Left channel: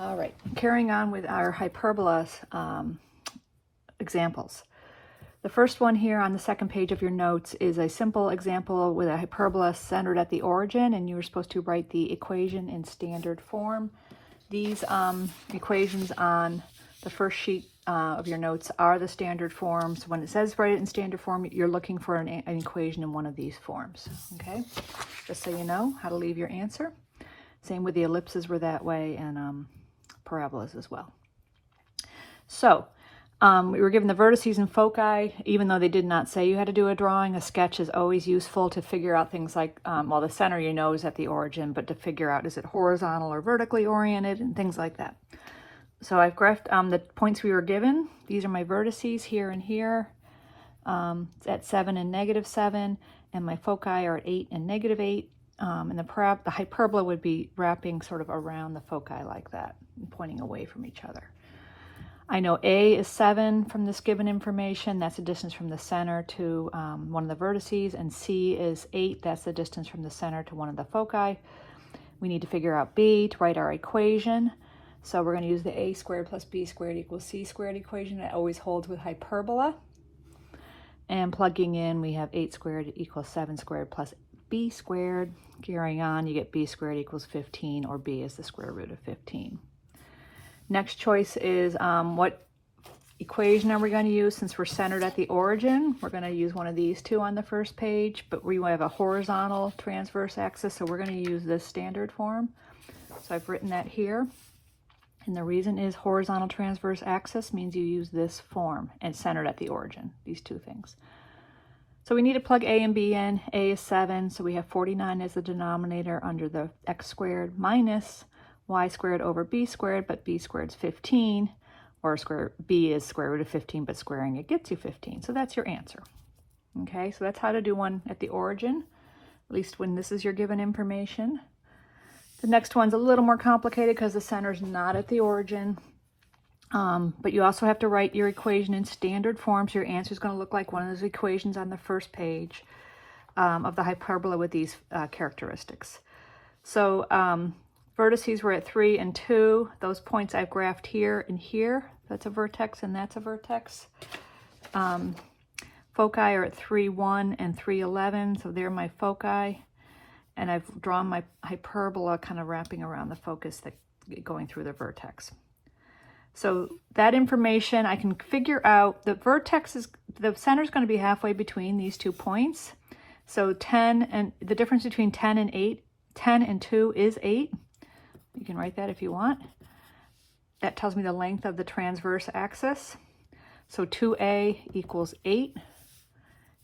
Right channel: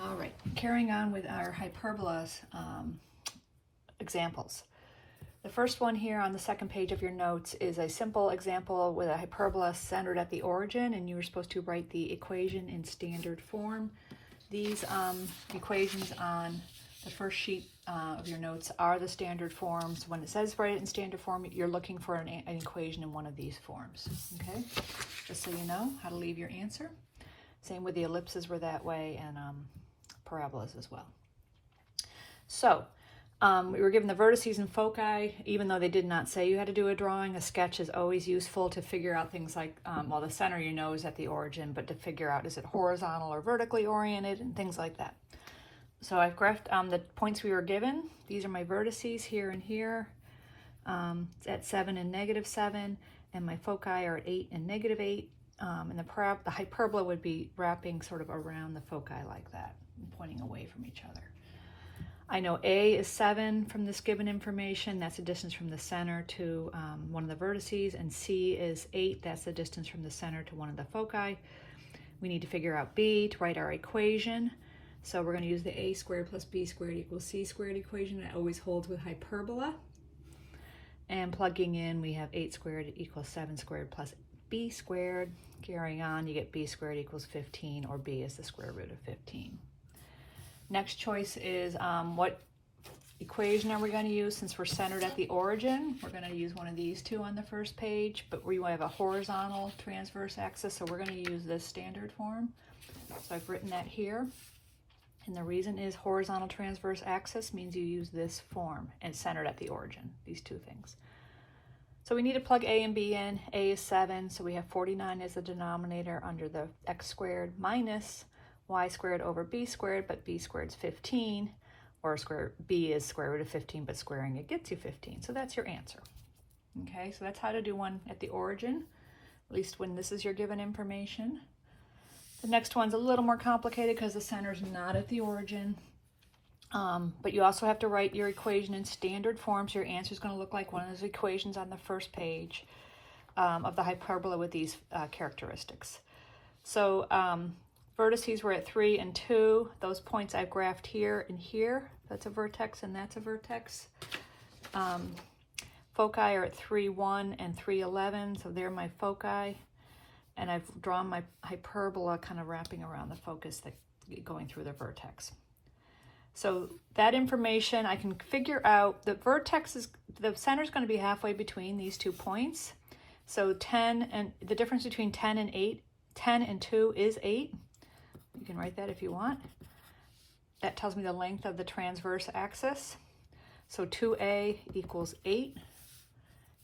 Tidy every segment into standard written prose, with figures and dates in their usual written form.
All right, carrying on with our hyperbolas examples. The first one here on the second page of your notes is a simple example with a hyperbola centered at the origin, and you were supposed to write the equation in standard form. These equations on the first sheet of your notes are the standard forms. When it says write it in standard form, you're looking for an equation in one of these forms, okay? Just so you know how to leave your answer. Same with the ellipses were that way, and parabolas as well. So, we were given the vertices and foci. Even though they did not say you had to do a drawing, a sketch is always useful to figure out things like, well, the center you know is at the origin, but to figure out is it horizontal or vertically oriented and things like that. So I've graphed the points we were given. These are my vertices here and here. It's at 7 and -7, and my foci are at 8 and -8. And the hyperbola would be wrapping sort of around the foci like that, and pointing away from each other. I know A is 7 from this given information. That's the distance from the center to one of the vertices. And C is 8. That's the distance from the center to one of the foci. We need to figure out B to write our equation. So we're going to use the A squared plus B squared equals C squared equation. That always holds with hyperbola. And plugging in, we have 8 squared equals 7 squared plus B squared. Carrying on, you get B squared equals 15, or B is the square root of 15. Next choice is what equation are we going to use since we're centered at the origin? We're going to use one of these two on the first page, but we have a horizontal transverse axis, so we're going to use this standard form. So I've written that here. And the reason is horizontal transverse axis means you use this form and centered at the origin, these two things. So we need to plug A and B in. A is 7, so we have 49 as the denominator under the x squared minus y squared over b squared, but b squared is 15, or b is square root of 15, but squaring it gets you 15. So that's your answer. Okay, so that's how to do one at the origin, at least when this is your given information. The next one's a little more complicated because the center is not at the origin, but you also have to write your equation in standard form, so your answer is going to look like one of those equations on the first page of the hyperbola with these characteristics. So, vertices were at 3 and 2. Those points I've graphed here and here. That's a vertex and that's a vertex. Foci are at 3, 1 and 3, 11. So they're my foci. And I've drawn my hyperbola kind of wrapping around the focus that going through the vertex. So that information I can figure out. The vertex is, the center is going to be halfway between these 2 points. So 10 and the difference between 10 and 8, 10 and 2 is 8. You can write that if you want. That tells me the length of the transverse axis. So 2A equals 8,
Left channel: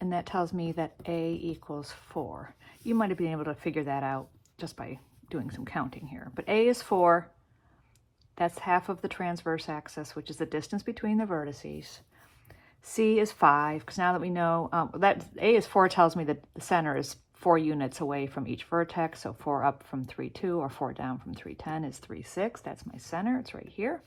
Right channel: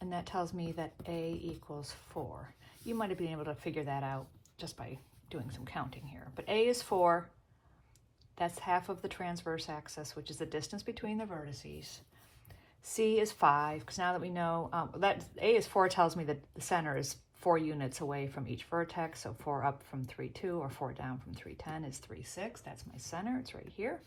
and that tells me that A equals 4. You might have been able to figure that out just by doing some counting here. But A is 4. That's half of the transverse axis, which is the distance between the vertices. C is 5, because now that we know that A is 4 tells me that the center is 4 units away from each vertex, so 4 up from 3, 2, or 4 down from 3, 10 is 3, 6. That's my center. It's right here.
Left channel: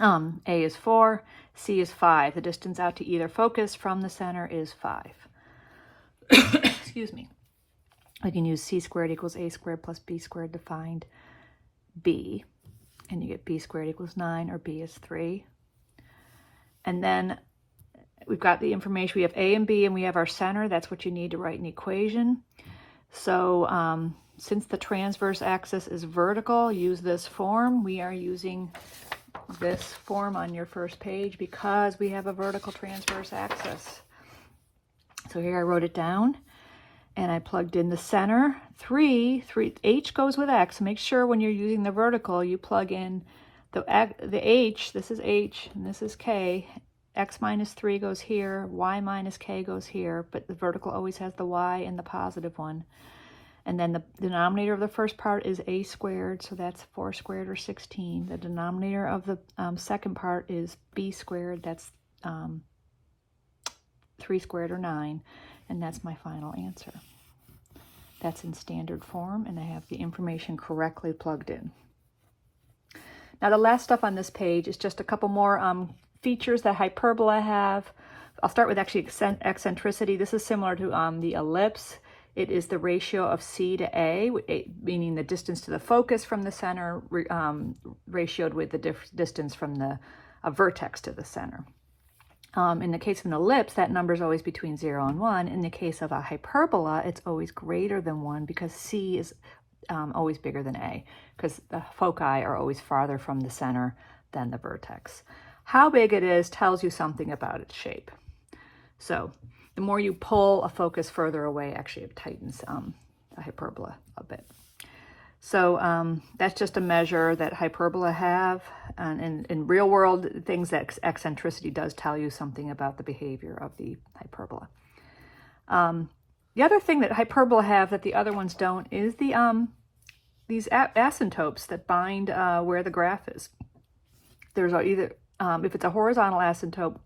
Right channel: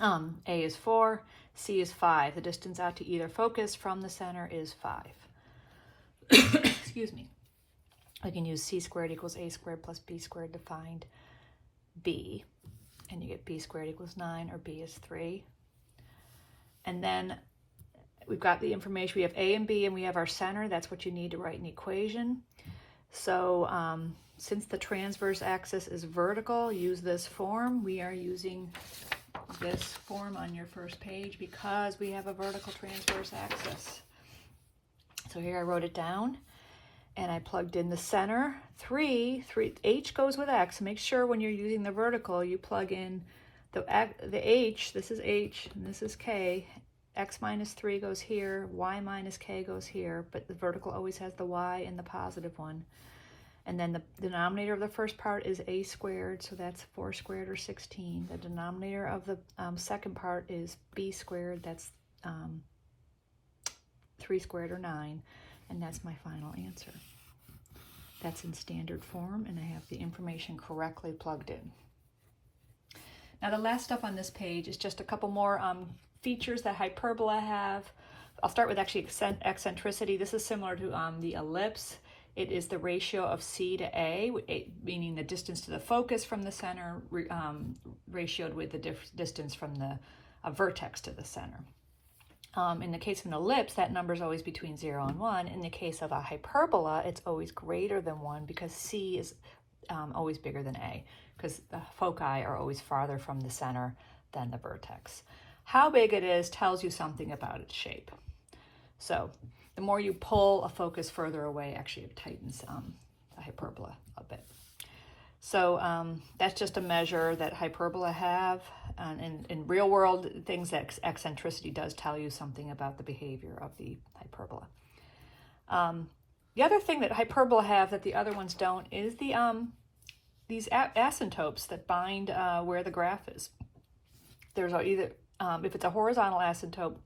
A is 4. C is 5. The distance out to either focus from the center is 5. Excuse me. We can use C squared equals A squared plus B squared to find B. And you get B squared equals 9, or B is 3. And then we've got the information. We have A and B, and we have our center. That's what you need to write an equation. So since the transverse axis is vertical, use this form. We are using this form on your first page because we have a vertical transverse axis. So here I wrote it down, and I plugged in the center. 3, H goes with X. Make sure when you're using the vertical, you plug in the H. This is H, and this is K. X minus 3 goes here, Y minus K goes here, but the vertical always has the Y and the positive one. And then the denominator of the first part is A squared, so that's 4 squared or 16. The denominator of the second part is B squared, that's 3 squared or 9, and that's my final answer. That's in standard form, and I have the information correctly plugged in. Now the last stuff on this page is just a couple more features that hyperbola have. I'll start with actually eccentricity. This is similar to the ellipse. It is the ratio of C to A, meaning the distance to the focus from the center ratioed with the distance from the vertex to the center. In the case of an ellipse, that number is always between 0 and 1. In the case of a hyperbola, it's always greater than 1 because C is always bigger than A, because the foci are always farther from the center than the vertex. How big it is tells you something about its shape. So the more you pull a focus further away, actually it tightens the hyperbola a bit. So that's just a measure that hyperbola have, and in real world things, that eccentricity does tell you something about the behavior of the hyperbola. The other thing that hyperbola have that the other ones don't is the these asymptotes that bind where the graph is. There's either, if it's a horizontal asymptote,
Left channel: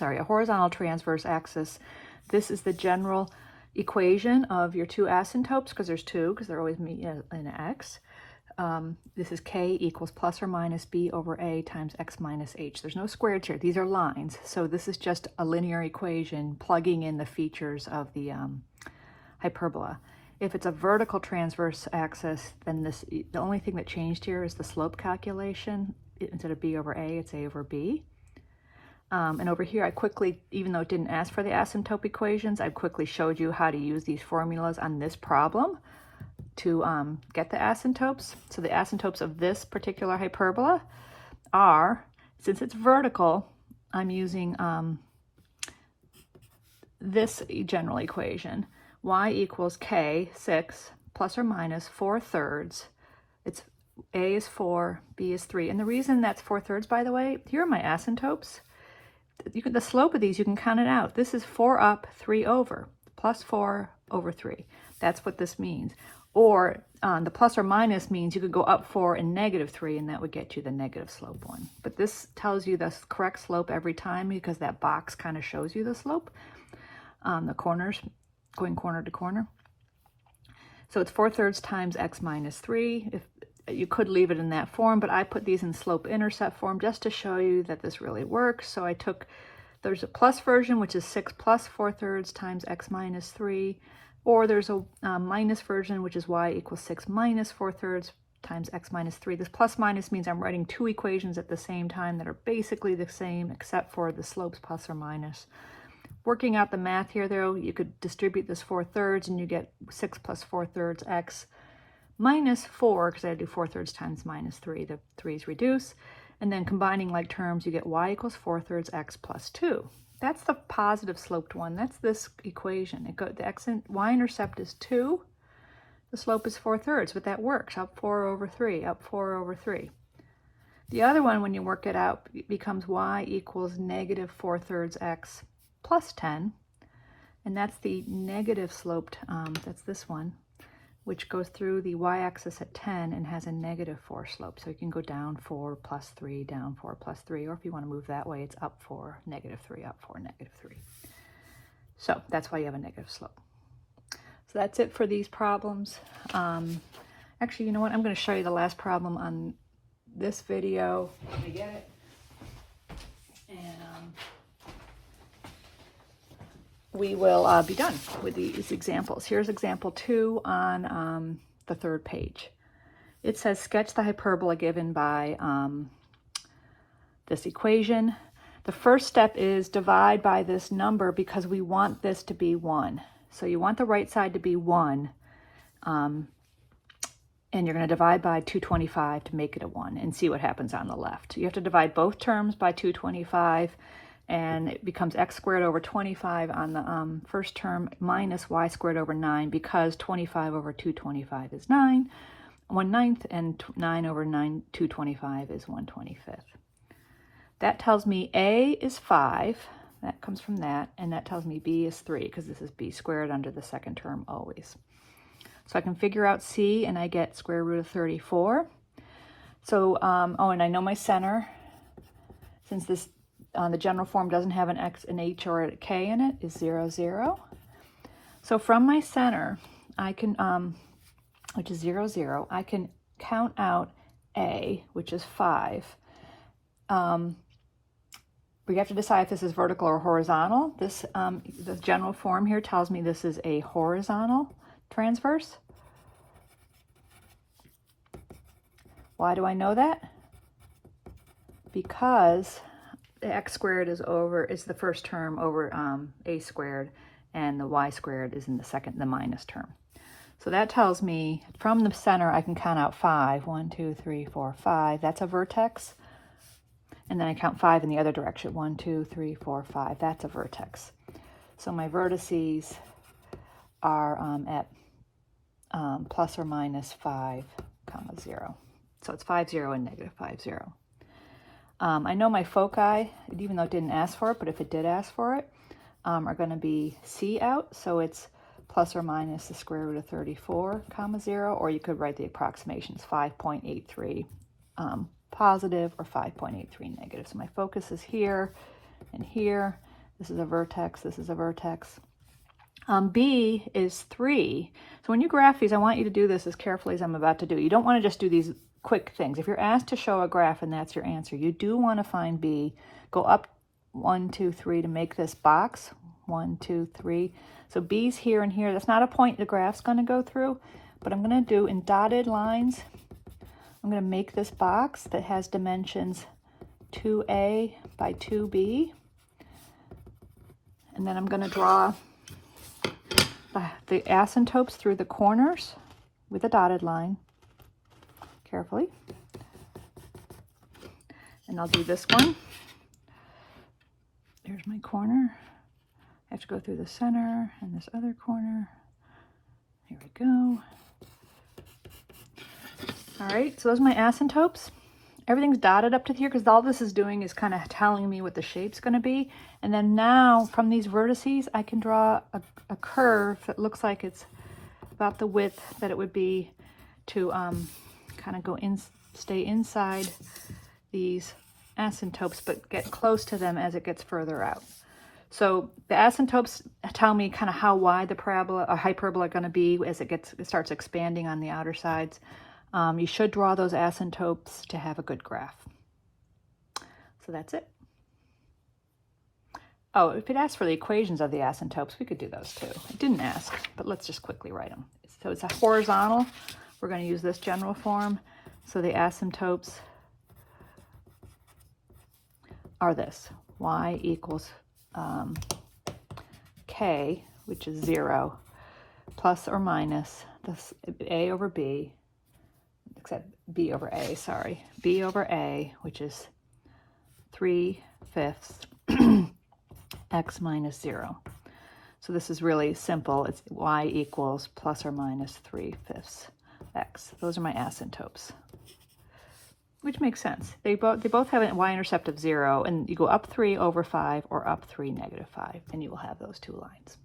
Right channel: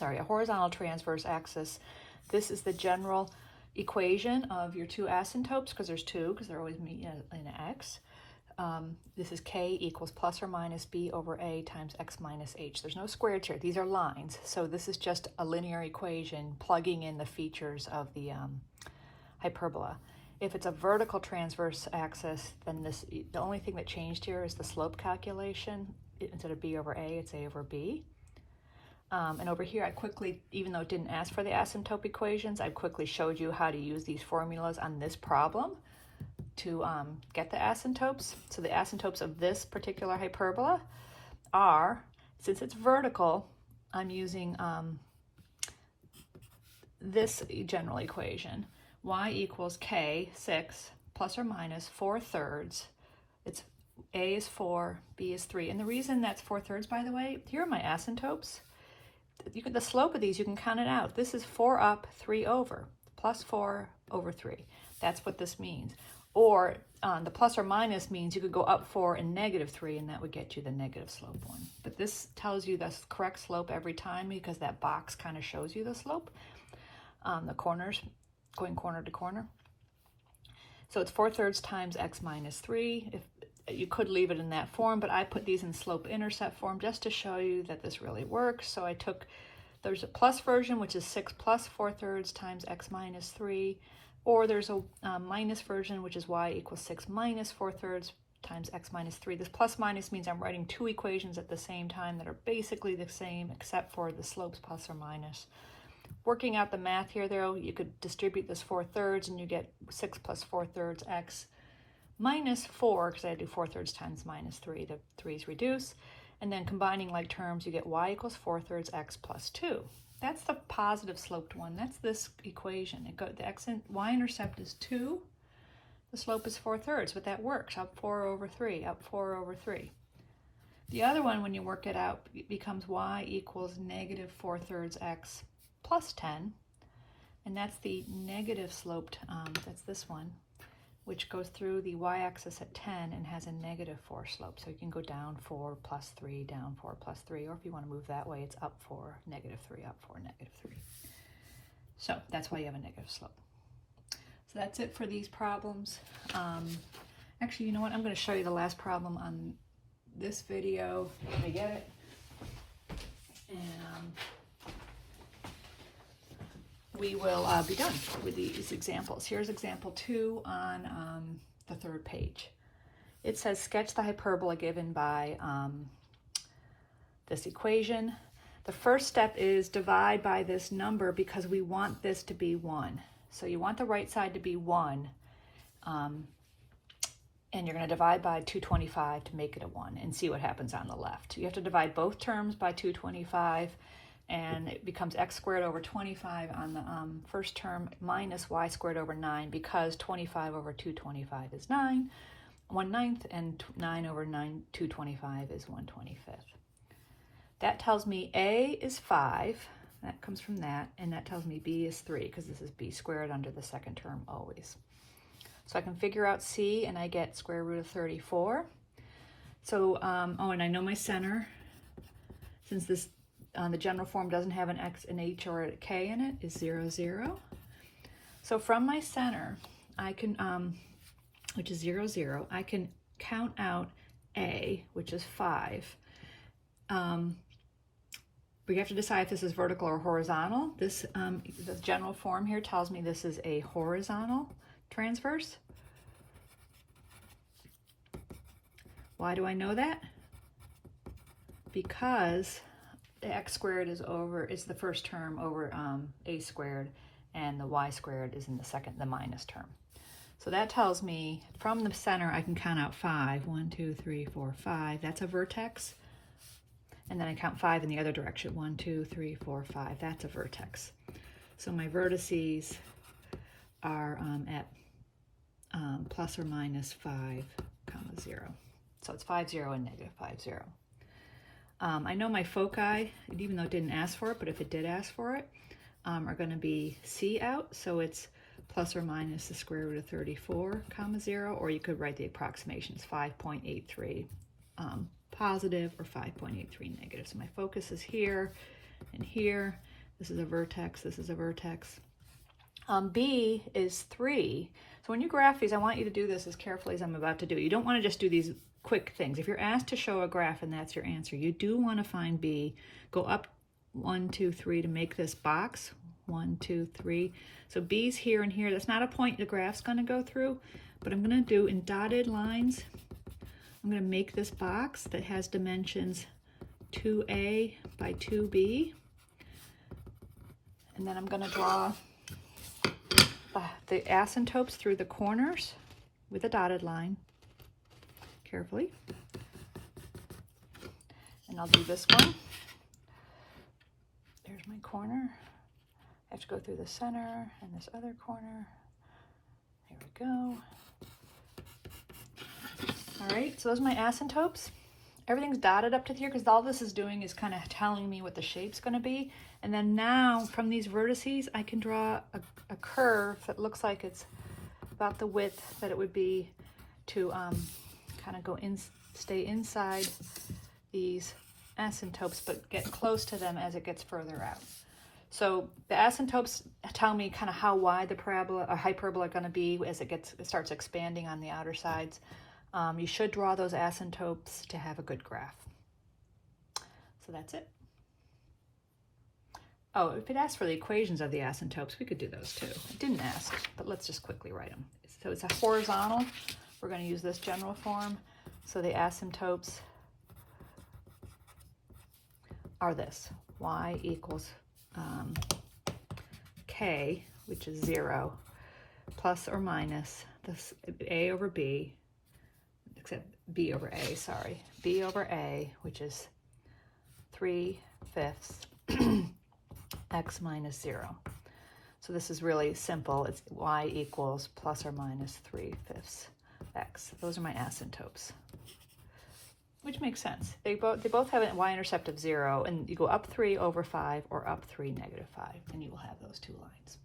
a horizontal transverse axis, this is the general equation of your two asymptotes, because there's two, because they're always meet in x. This is k equals plus or minus b over a times x minus h. There's no squares here. These are lines. So this is just a linear equation plugging in the features of the hyperbola. If it's a vertical transverse axis, then the only thing that changed here is the slope calculation. Instead of b over a, it's a over b. And over here, I quickly, even though it didn't ask for the asymptote equations, I quickly showed you how to use these formulas on this problem to get the asymptotes. So the asymptotes of this particular hyperbola are, since it's vertical, I'm using this general equation. Y equals k, 6, plus or minus 4/3. It's a is 4, b is 3. And the reason that's 4/3, by the way, here are my asymptotes. The slope of these, you can count it out. This is 4 up, 3 over, plus 4 over 3. That's what this means. Or the plus or minus means you could go up 4 and negative 3, and that would get you the negative slope one. But this tells you the correct slope every time, because that box kind of shows you the slope. The corners, going corner to corner. So it's 4/3 times x minus 3. If you could leave it in that form, but I put these in slope-intercept form just to show you that this really works. So I took, there's a plus version, which is 6 plus 4/3 times x minus 3, or there's a minus version, which is y equals 6 minus 4/3 times x minus 3. This plus minus means I'm writing two equations at the same time that are basically the same, except for the slopes plus or minus. Working out the math here, though, you could distribute this 4/3 and you get 6 plus 4/3 x minus 4, because I do 4/3 times minus 3, the 3's reduce, and then combining like terms, you get y equals 4/3 x plus 2. That's the positive sloped one. That's this equation. The y-intercept is 2, the slope is 4/3, but that works, up 4 over 3, up 4 over 3. The other one, when you work it out, it becomes y equals negative 4/3 x plus 10, and that's the negative sloped, that's this one, which goes through the y-axis at 10 and has a negative 4 slope. So you can go down 4 plus 3, down 4 plus 3, or if you want to move that way, it's up 4, negative 3, up 4, negative 3. So that's why you have a negative slope. So that's it for these problems. Actually, you know what? I'm going to show you the last problem on this video. Let me get it. And we will be done with these examples. Here's example 2 on the 3rd page. It says sketch the hyperbola given by this equation. The first step is divide by this number, because we want this to be 1. So you want the right side to be 1, and you're going to divide by 225 to make it a 1 and see what happens on the left. You have to divide both terms by 225, and it becomes x squared over 25 on the first term minus y squared over 9, because 25 over 225 is 9, 1/9, and 9 over 225 is 1/25. That tells me a is 5, that comes from that, and that tells me b is 3, because this is b squared under the second term always. So I can figure out c, and I get square root of 34. So, oh, and I know my center, since this the general form doesn't have an x, an h, or a k in it, is 0, 0. So from my center, I can, which is 0, 0, I can count out a, which is 5. we have to decide if this is vertical or horizontal. This, the general form here tells me this is a horizontal transverse. Why do I know that? Because the x squared is the first term over a squared, and the y squared is in the minus term. So that tells me from the center I can count out 5. 1, 2, 3, 4, 5. That's a vertex. And then I count 5 in the other direction. 1, 2, 3, 4, 5. That's a vertex. So my vertices are at plus or minus 5, 0. So it's 5, 0 and negative 5, 0. I know my foci, even though it didn't ask for it, but if it did ask for it, are going to be C out. So it's plus or minus the square root of 34, 0, or you could write the approximations 5.83 positive or 5.83 negative. So my focus is here and here. This is a vertex, this is a vertex. B is 3. So when you graph these, I want you to do this as carefully as I'm about to do. You don't want to just do these quick things. If you're asked to show a graph and that's your answer, you do want to find B. Go up 1, 2, 3 to make this box. 1, 2, 3. So B's here and here. That's not a point the graph's going to go through, but I'm going to do in dotted lines. I'm going to make this box that has dimensions 2A by 2B. And then I'm going to draw the asymptotes through the corners with a dotted line, carefully. And I'll do this one. There's my corner. I have to go through the center and this other corner. Here we go. All right, so those are my asymptotes. Everything's dotted up to here because all this is doing is kind of telling me what the shape's going to be. And then now from these vertices, I can draw a curve that looks like it's about the width that it would be to kind of go in, stay inside these asymptotes, but get close to them as it gets further out. So the asymptotes tell me kind of how wide the parabola or hyperbola are going to be as it starts expanding on the outer sides. You should draw those asymptotes to have a good graph. So that's it. Oh, if it asks for the equations of the asymptotes, we could do those too. It didn't ask, but let's just quickly write them. So it's a horizontal. We're going to use this general form. So the asymptotes are this. Y equals K, which is 0, plus or minus this A over B, except B over A, sorry. B over A, which is 3/5 x minus 0. So this is really simple. It's y equals plus or minus 3/5 x. Those are my asymptotes, which makes sense. They both have a y-intercept of 0, and you go up 3 over 5 or up 3 negative 5, and you will have those two lines.